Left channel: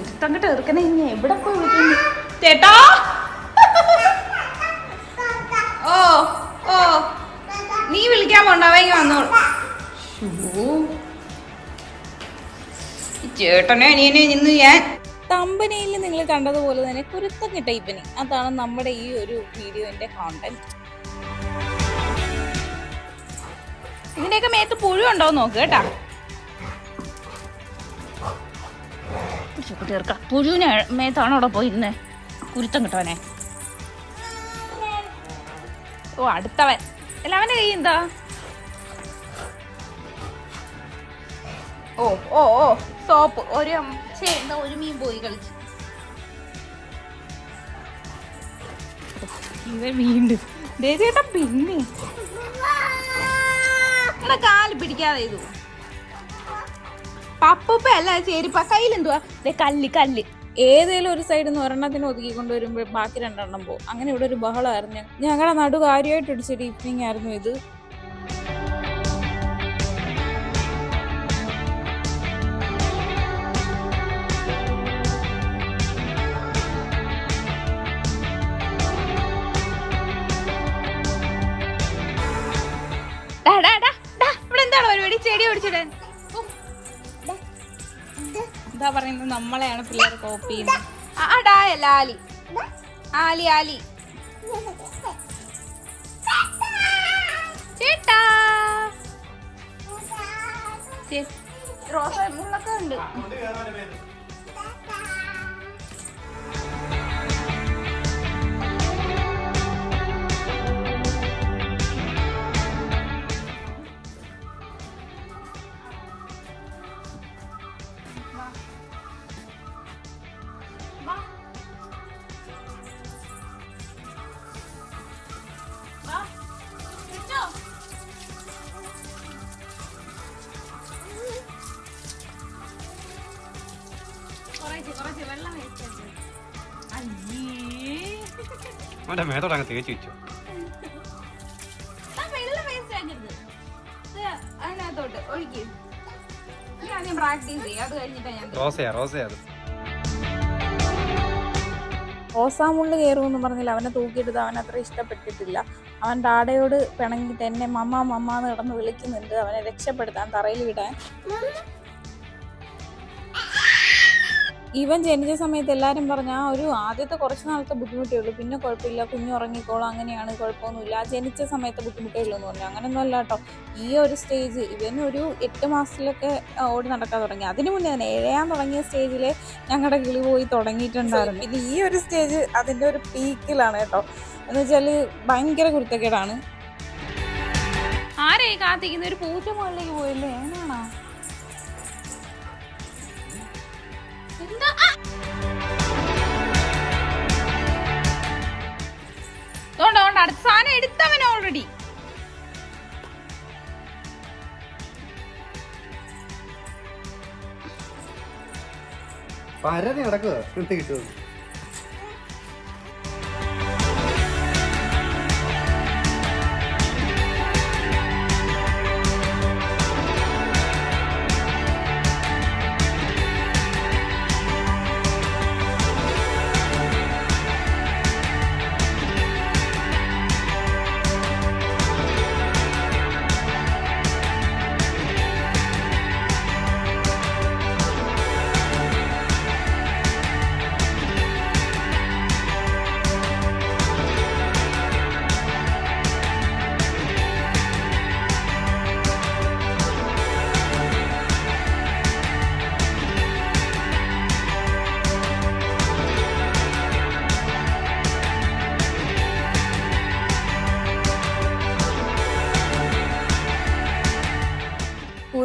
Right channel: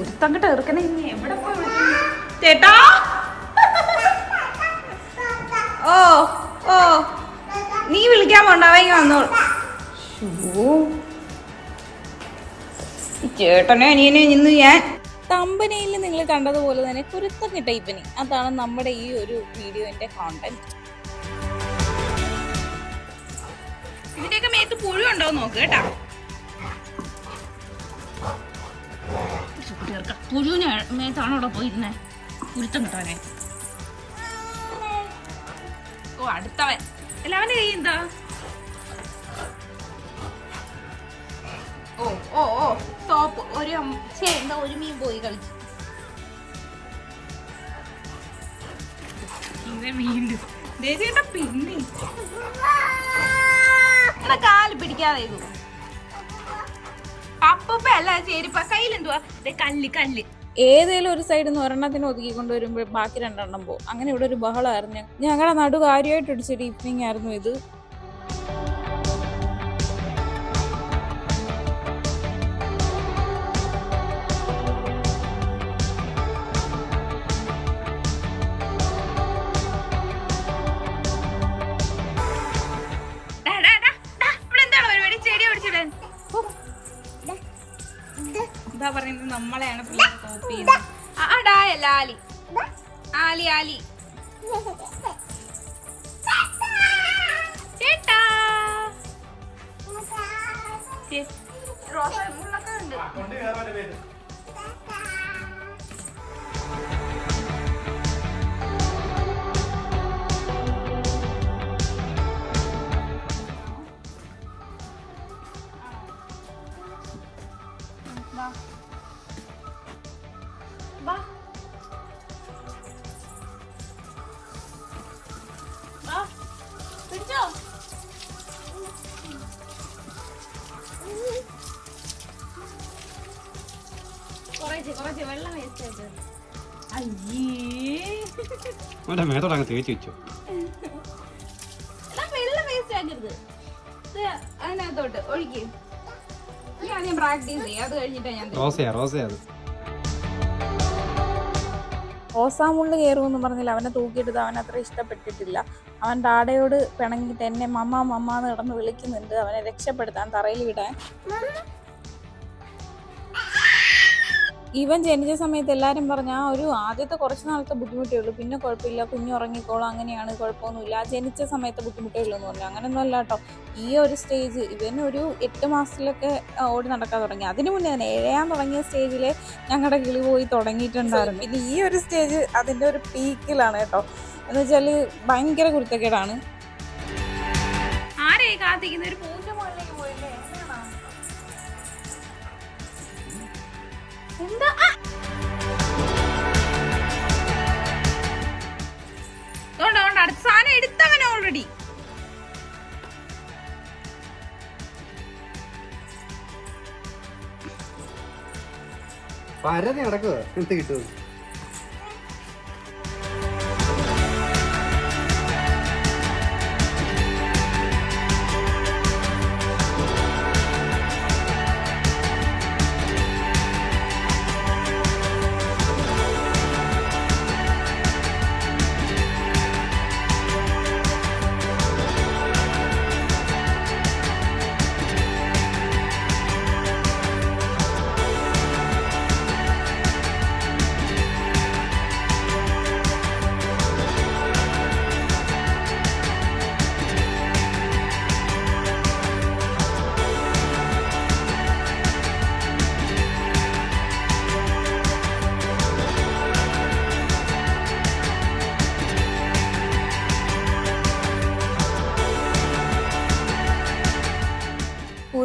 കുത്തങ്ങട്ട് എറുക്കണ ഇനി എവിടെ പോയി ചേട്ടാ? ഓ ഓ. നീ വിളിക്കാൻ പോണ്ടാവെങ്കിൽ വന്നോളൂ. ചേട്ടനെ അനിയനെ ഇന്ന് ഞാൻ തമ്പനയിൽ നിങ്ങൾ കണ്ടതുപോലെ തന്നെ കുരുത്തം ടൈപ്പിന് അതാണ് നമ്മുടെ ഈ ഒരു വീഡിയോന്റെ കോണ്ടന്റ് ഇതിന്റെയൊക്കെ മേത്ത് പുഴു ഉണ്ടോ നോക്ക് കേട്ടാ. ചേർക്ക പുഴുവിന് മേത്താണ് അവിടെ പോയിരുന്നേ കുരുത്തം കിട്ടവനെ ഓ അടുത്തവൻ അല്ല അവന്റെ കൈ എന്താ ഓ ഓ ഓ സോപ്പ് ഒരു എന്താ ഒരു മീൻ പോയി കളിച്ച് വീണ്ടും ദേ ചേട്ടാ പിന്നെ കാൽ പിടിക്കാതെ ഇത് പപ്പപ്പ കല്ല് കല്ല്. ഏതേലും ഒരു സൈഡിൽ നിന്ന് ഒരെണ്ണത്തിന് ഒതുക്കി കൊണ്ടുവരുമ്പോൾ ബാക്കി രണ്ടെണ്ണം പോകും അങ്ങനെ ഇവിടെ ഒരു ബഹളമായിരുന്നു. ഞങ്ങളുടെ നടു കാര്യമായിട്ട് ഇടിച്ചൊരു ഈവനിങ് ആയിരുന്നു ഇത്. പറയുന്നത് നമ്മളെയാണ് പിള്ളേർ കോപ്പി ചെയ്യുന്നത്. ആലി. ആലി ആലി. ചേട്ടാ. വാ. അവന്റെ മേത്തോടെ അങ്ങ് തേച്ച് വെച്ചു. വെള്ളം വേസ്റ്റ് ആക്കരുത്. ഇത് അതിനകത്തോട്ട് ഒഴിക്ക്. ഇനി ആദ്യം പ്രാക്ടീസ് ചെയ്യാം. അത് കഴിഞ്ഞിട്ടാ ഞാൻ. റോസയാ റോസയാ അത്. റോസാമുള്ള് കയറുമെന്ന് പറഞ്ഞില്ല. അവനെ തൂക്കിയെടുത്ത് അവൻ അത്ര ഇഷ്ടപ്പെട്ടിട്ടില്ല. അവൻ ഡാഡയോട് പിണങ്ങിയിട്ട് എന്നെ മമ്മ മമ്മ എന്ന് കിടന്ന് വിളിക്കുന്നുണ്ട്. അവനെ രക്ഷപ്പെടുത്താൻ തറയിൽ വിടാൻ ഇവൻ ജനിച്ച സമയത്ത് എല്ലാവരും പറഞ്ഞ ആ ഒരു ആദ്യത്തെ കുറച്ച് നാളത്തെ ബുദ്ധിമുട്ടേ ഉള്ളൂ. പിന്നെ കുഴപ്പമില്ല. കുഞ്ഞു ഉറങ്ങിക്കോളും. അങ്ങനെയാണ് കുഴപ്പമൊന്നുമില്ല. ആ ജനിച്ച സമയത്തെ ബുദ്ധിമുട്ടേ ഉള്ളൂ എന്ന് പറഞ്ഞു. അങ്ങനെയൊന്നും അല്ല കേട്ടോ. ഈ ഒരു സ്റ്റേജ് ഇവൻ ഒരു എട്ട് മാസത്തിലൊക്കെ ഓടി നടക്കാൻ തുടങ്ങി. അതിനു മുന്നേ തന്നെ ഏഴാൻ തുടങ്ങിയ സ്റ്റേജിൽ ഞങ്ങളുടെ കിളി പോയി തുടങ്ങിയിട്ടുണ്ടായിരുന്നു. പിന്നെ ഈ ഒരു സ്റ്റേജ് അതിന്റെ ഒരു പീക്കിലാണ് കേട്ടോ. എന്ന് വെച്ചാൽ ഭയങ്കര കുരുത്തക്കേടാണ്. ആരെയും കാത്തിക്കുന്ന ഒരു പൂച്ച പള്ളിക്ക് അടുത്ത സാധനം എടുത്തവൻ ഓൾറെഡി പരതി നടക്കുക എന്ത് കിട്ടുമോ?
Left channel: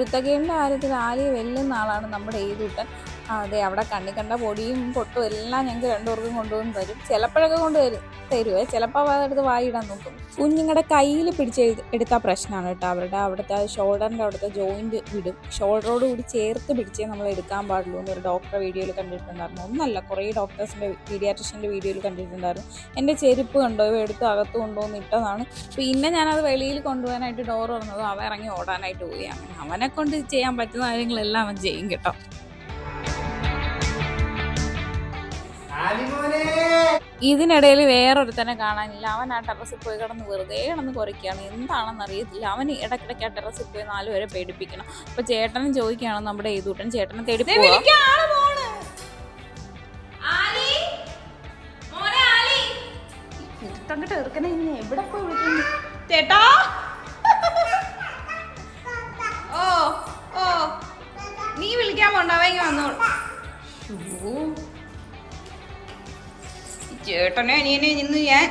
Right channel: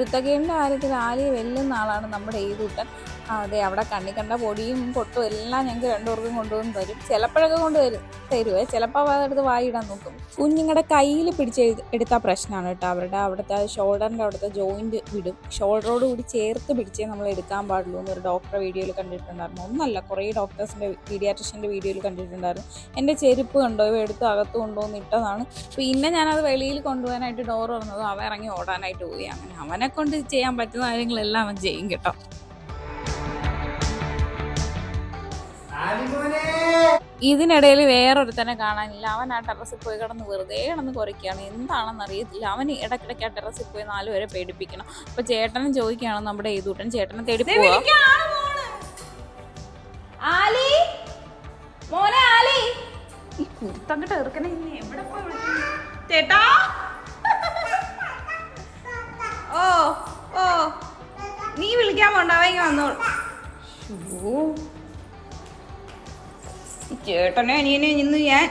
കുരുത്തക്കേടിന്റെ കാര്യത്തിൽ ആലിയെ വെല്ലുന്ന ആളാണ് നമ്മുടെ ഏതൂട്ടൻ അതെ അവിടെ കണ്ണി കണ്ട പൊടിയും പൊട്ടും എല്ലാം ഞങ്ങൾക്ക് രണ്ടുപേർക്കും കൊണ്ടുവന്ന് തരും. ചിലപ്പോഴൊക്കെ കൊണ്ടുവരും തരുവേ. ചിലപ്പോൾ അതെടുത്ത് വായിടാൻ നോക്കും. കുഞ്ഞുങ്ങളുടെ കയ്യിൽ പിടിച്ച് എടുത്താൽ പ്രശ്നമാണ് കേട്ടോ. അവരുടെ അവിടുത്തെ ഷോൾഡറിന്റെ അവിടുത്തെ ജോയിന്റ് വിടും. ഷോൾഡറോട് കൂടി ചേർത്ത് പിടിച്ചേ നമ്മൾ എടുക്കാൻ പാടുള്ളൂ എന്നൊരു ഡോക്ടറെ വീഡിയോയിൽ കണ്ടിട്ടുണ്ടായിരുന്നു. ഒന്നല്ല കുറേ ഡോക്ടേഴ്സിന്റെ പീഡിയാട്രിഷ്യന്റെ വീഡിയോയിൽ കണ്ടിട്ടുണ്ടായിരുന്നു. എന്റെ ചെരുപ്പ് കണ്ടോ? എടുത്ത് അകത്ത് കൊണ്ടുവന്ന് ഇട്ടതാണ്. പിന്നെ ഞാനത് വെളിയിൽ കൊണ്ടുപോകാനായിട്ട് ഡോർ തുറന്നതും അവ ഇറങ്ങി ഓടാനായിട്ട് പോയി. അങ്ങനെ അവനെ കൊണ്ട് ചെയ്യാൻ പറ്റുന്ന കാര്യങ്ങളെല്ലാം അവൻ ചെയ്യും കേട്ടോ. ഇതിനിടയിൽ വേറൊരുത്തനെ കാണാനില്ല. അവൻ ആ ടെറസിൽ പോയി കിടന്ന് വെറുതെ കിടന്ന് കുറയ്ക്കുകയാണ് എന്താണെന്ന് അറിയത്തില്ല. അവൻ ഇടയ്ക്കിടയ്ക്ക് ആ ടെറസിൽ പോയി നാലുപേരെ പേടിപ്പിക്കണം. അപ്പൊ ചേട്ടനും ചോദിക്കുകയാണ് നമ്മുടെ ഏതൂട്ടൻ. ചേട്ടനെ തേടി പോവാ. കുത്തങ്ങട്ട് ഇറക്കണ ഇനി എവിടെ പോയി വിളിക്കുന്നു ചേട്ടാ? ഓ ഓ. നീ വിളിക്കാൻ പോണ്ട. അവങ്ങ വന്നോളൂ. ഓ ചേട്ടനെ അനിയനെ ഇന്ന് ഞാൻ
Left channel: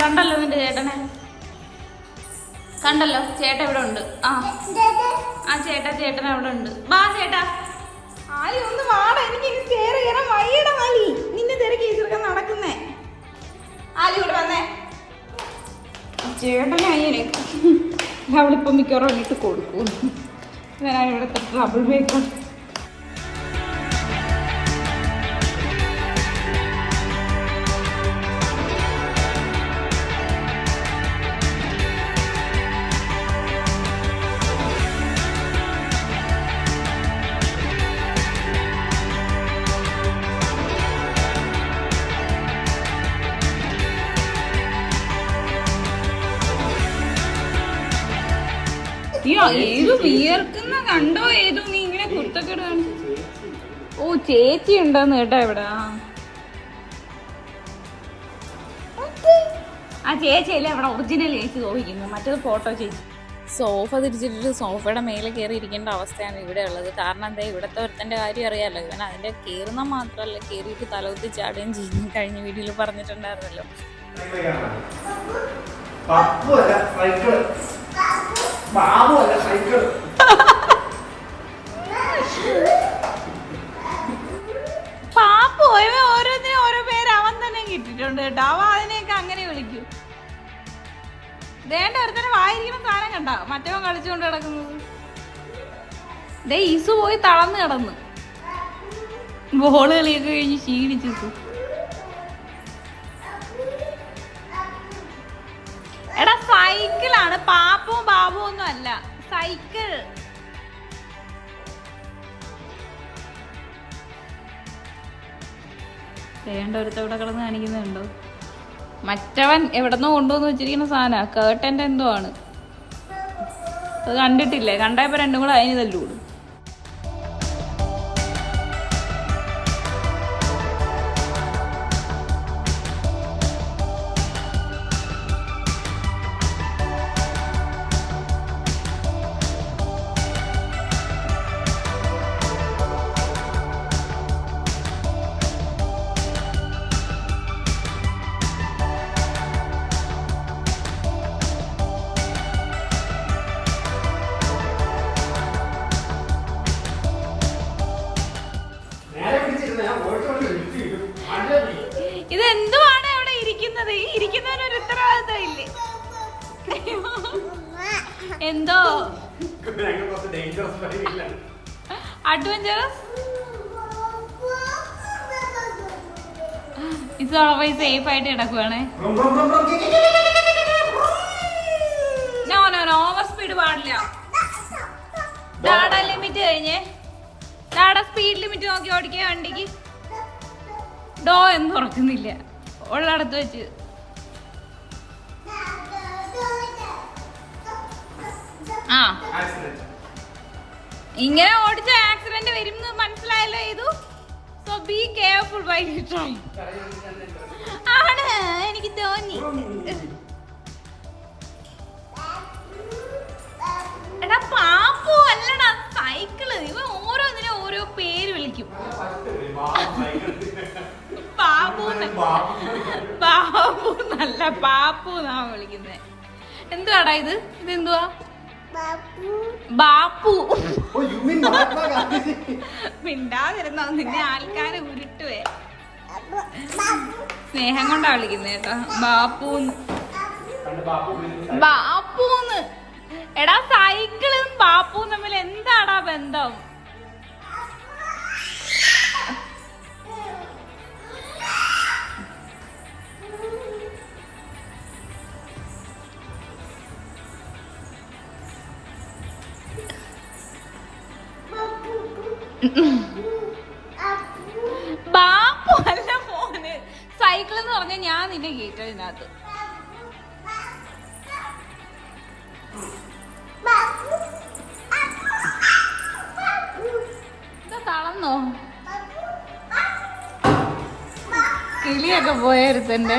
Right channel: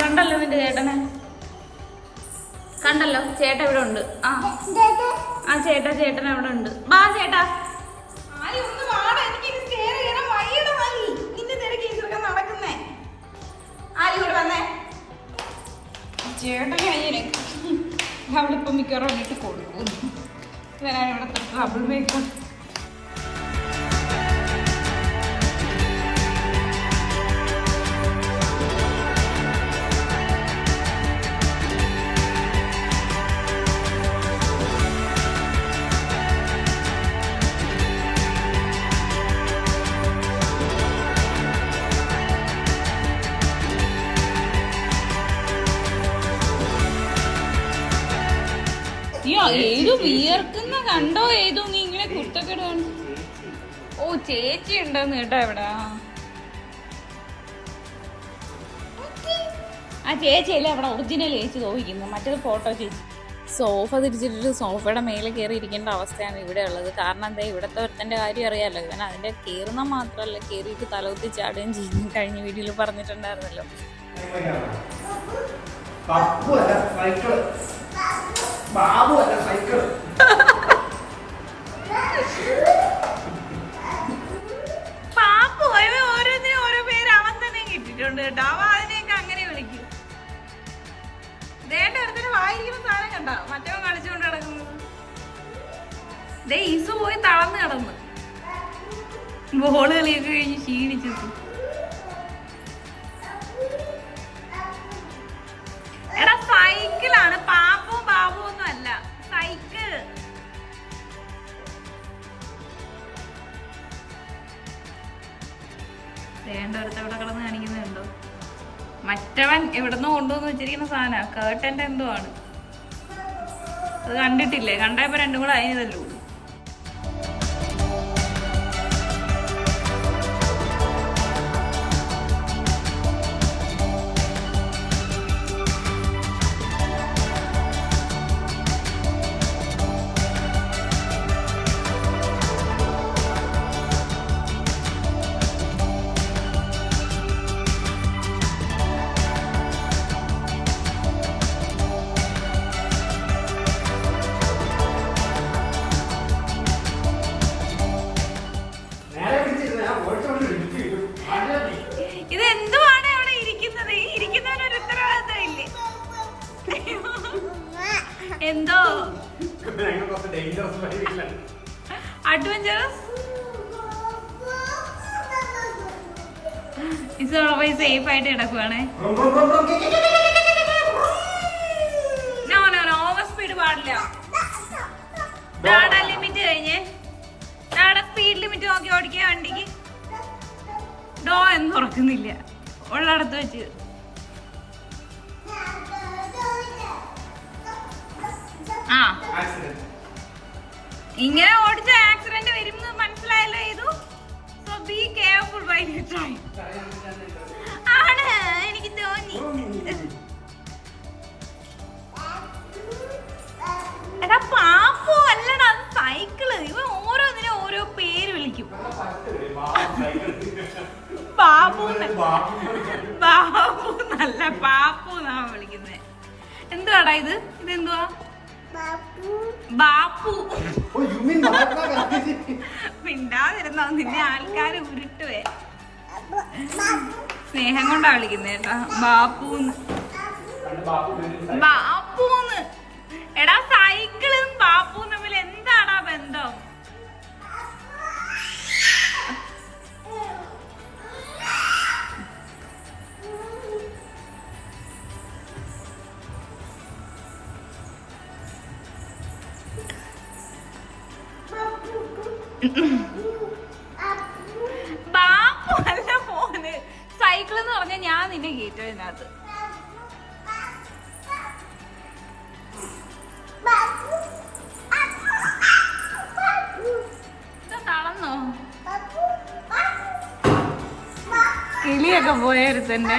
കണ്ടല്ലോ നിന്റെ ചേട്ടനെ. കണ്ടല്ലോ ചേട്ടൻ ഇവിടെ ഉണ്ട്. ആ. ആ ചേട്ടാ ചേട്ടൻ അവിടെ ഉണ്ട്. ബാ ചേട്ടാ. ചേട്ടനെ അങ്ങനെ അവളിപ്പം മിക്കവാറും ഇട്ട് കൊടുക്കും. ഞാൻ ഇവിടെ ട്രബിൾ മേക്കർ വിയർക്കുന്ന കണ്ടോ ഏതോ നീ ഇങ്ങനെ കുർത്തക്കെടു ഓ ചേച്ചി ഉണ്ടെന്ന് കേട്ടോ ഇവിടെ. ആ ചേച്ചിയല്ലേ അവിടെ ഒറിജിനൽ ചേച്ചി തോന്നിക്കുന്നു. മറ്റേത് ഫോട്ടോ ചേച്ചി. സോഫ തിരിച്ചിട്ടിട്ട് സോഫയുടെ മേലെ കയറി ഇരിക്കേണ്ട അവസ്ഥയാണ് ഇവിടെ ഉള്ളത്. കാരണം എന്താ ഇവിടുത്തെ ഒരുത്തന്റെ കാര്യം അറിയാമല്ലോ ഇവൻ അതിന്റെ കയറുന്ന മാത്രമല്ല കയറിയിട്ട് തലകുത്തി ചാടുകയും ചെയ്യും. കഴിഞ്ഞ വീഡിയോയിൽ പറഞ്ഞിട്ടുണ്ടായിരുന്നല്ലോ. ബാബു ഓരോന്നിനും ഓരോ പേര് അവൻ തന്നെ ദേ പോയി തളർന്ന് കിടന്ന്. ബോൾ കളിയൊക്കെ കഴിഞ്ഞ് ക്ഷീണിച്ചു എടാ സൈക്കിളാണ്. പാപ്പും ഒന്നും അല്ല സൈക്കിൾ. വേണ്ട ഒരുത്തവിടെ കിടന്ന് കാണിക്കുന്നുണ്ടോ മറ്റവൻ എവിടെന്നോ കൊണ്ടുവന്ന് വെച്ചിരിക്കുന്ന സാധന കേട്ടന്റെ എന്തോ ആണ്. അത് കണ്ടിട്ടില്ലേ? കണ്ടപ്പോ രണ്ടും കൂടെ അതിന് തല്ലൂടും ഞങ്ങൾ ഡേഞ്ചറസ് അഡ്വഞ്ചറസ് സേഫ് ആയിട്ട് കിടക്കുവാണേ. No no no speed limit കഴിഞ്ഞേ. സ്പീഡ് ലിമിറ്റ് നോക്കി ഡോ എന്ന് തുറക്കുന്നില്ല. ഉള്ളടത്ത് വെച്ച് ആ. ഇങ്ങനെ ഓടിച്ച ആക്സിഡന്റ് വരും മനസ്സിലായല്ലോ ചെയ്തു so be careful by try ആണ് എനിക്ക് തോന്നി. എടാ പാപ്പു അല്ലടാ സൈക്കിൾ. ഇവ ഓരോന്നിനും ഓരോ പേര് വിളിക്കും. ബാബു ബാബു നല്ല പാപ്പു എന്നാ വിളിക്കുന്നത് എന്തുവാടാ ഇത്? ഇതെന്തുവാ? ബാപ്പു? മിണ്ടാതിരുന്നോ നിന്നെ ആൾക്കാരെ ഉരുട്ടുവേ. സ്നേഹം കൊണ്ടാ വിളിക്കുന്നത് കേട്ടാ ബാപ്പു ബാപ്പു ഉപയോഗിക്കുന്ന ബാപ്പൂന്ന്. എടാ സൈക്കിളും ബാപ്പുവും തമ്മിൽ എന്താടാ ബന്ധം? ബാപ്പു അല്ല ഫോണ് സൈക്കിൾ എന്ന് പറഞ്ഞാൽ ഞാൻ നിന്നെ കേട്ടോ ഇതിനകത്ത് ഇത് തളർന്നോ? കിളിയൊക്കെ പോയരുത്തന്റെ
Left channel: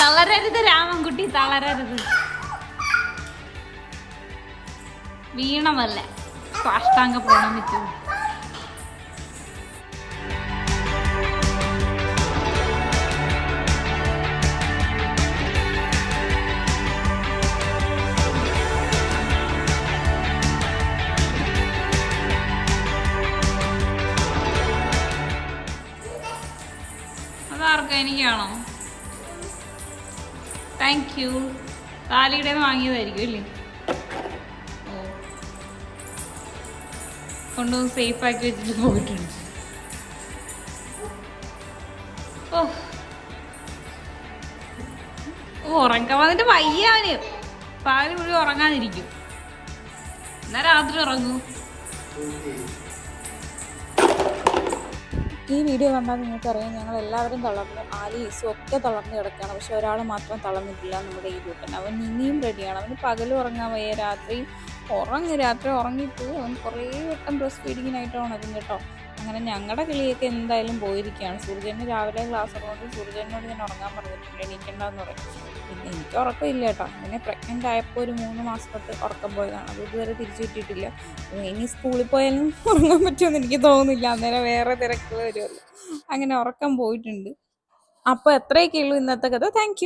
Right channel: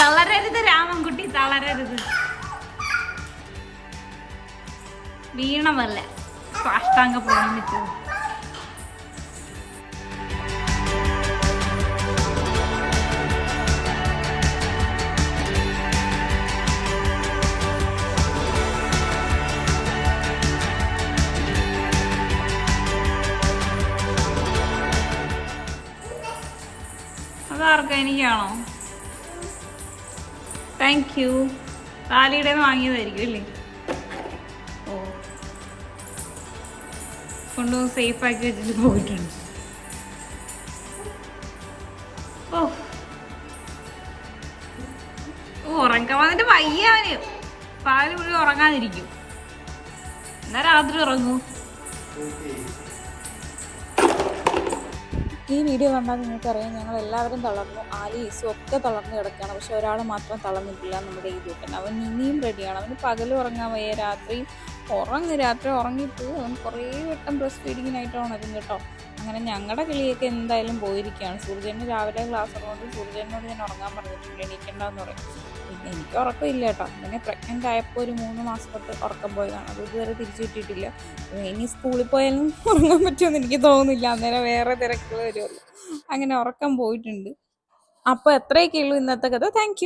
തളരരുത് രാമൻകുട്ടി തളരരുത്. വീണമല്ല. സാഷ്ടാംഗ പ്രണമിച്ചു അതാർക്കാ എനിക്കാണോ താങ്ക് യു താലിയുടെ വാങ്ങിയതായിരിക്കും അല്ലേ? കൊണ്ടുവന്ന് സേഫ് ആക്കി വെച്ചിട്ട് പോയിട്ടുണ്ട്. ഓ. ഉറങ്ങാൻ വന്നിട്ട് വയ്യാന് പാൽ പുള്ളി ഉറങ്ങാതിരിക്കും. എന്നാ രാത്രി ഉറങ്ങൂ. ഈ വീഡിയോ കണ്ടാൽ നിങ്ങൾക്കറിയാം ഞങ്ങൾ എല്ലാവരും തളർന്നു ആലി ഈസും ഒക്കെ തളർന്നു കിടക്കുകയാണ്. പക്ഷെ ഒരാൾ മാത്രം തളർന്നിട്ടില്ല നമ്മുടെ ഈ കൂട്ടൻ അവൻ ഇനിയും റെഡിയാണ് അവന് പകലും ഉറങ്ങാൻ വയ്യ. രാത്രിയും ഉറങ്ങി രാത്രി ഉറങ്ങിയിട്ട് അവൻ കുറേ വട്ടം ബ്രസ്റ്റ് ഫീഡിങ്ങിനായിട്ട് ഉണരും കേട്ടോ. അങ്ങനെ ഞങ്ങളുടെ കിളിയൊക്കെ എന്തായാലും പോയിരിക്കുകയാണ്. സൂര്യന് രാവിലെ ക്ലാസ് ഉള്ളതുകൊണ്ട് സൂര്യനോട് ഞാൻ ഉറങ്ങാൻ പറഞ്ഞിട്ടുണ്ട്. എണീക്കണ്ടെന്ന് പറയും. പിന്നെ എനിക്ക് ഉറക്കമില്ല കേട്ടോ. അങ്ങനെ പ്രഗ്നന്റ് ആയപ്പോൾ ഒരു മൂന്ന് മാസം തൊട്ട് ഉറക്കം പോയതാണ്. അത് ഇതുവരെ തിരിച്ചു കിട്ടിയിട്ടില്ല. ഇനി സ്കൂളിൽ പോയാലും ഉറങ്ങാൻ പറ്റുമെന്ന് എനിക്ക് തോന്നുന്നില്ല. അന്നേരം വേറെ തിരക്കുകൾ വരുമല്ലോ. അങ്ങനെ ഉറക്കം പോയിട്ടുണ്ട്. അപ്പോൾ എത്രയൊക്കെ ഉള്ളൂ ഇന്നത്തെ കഥ. താങ്ക്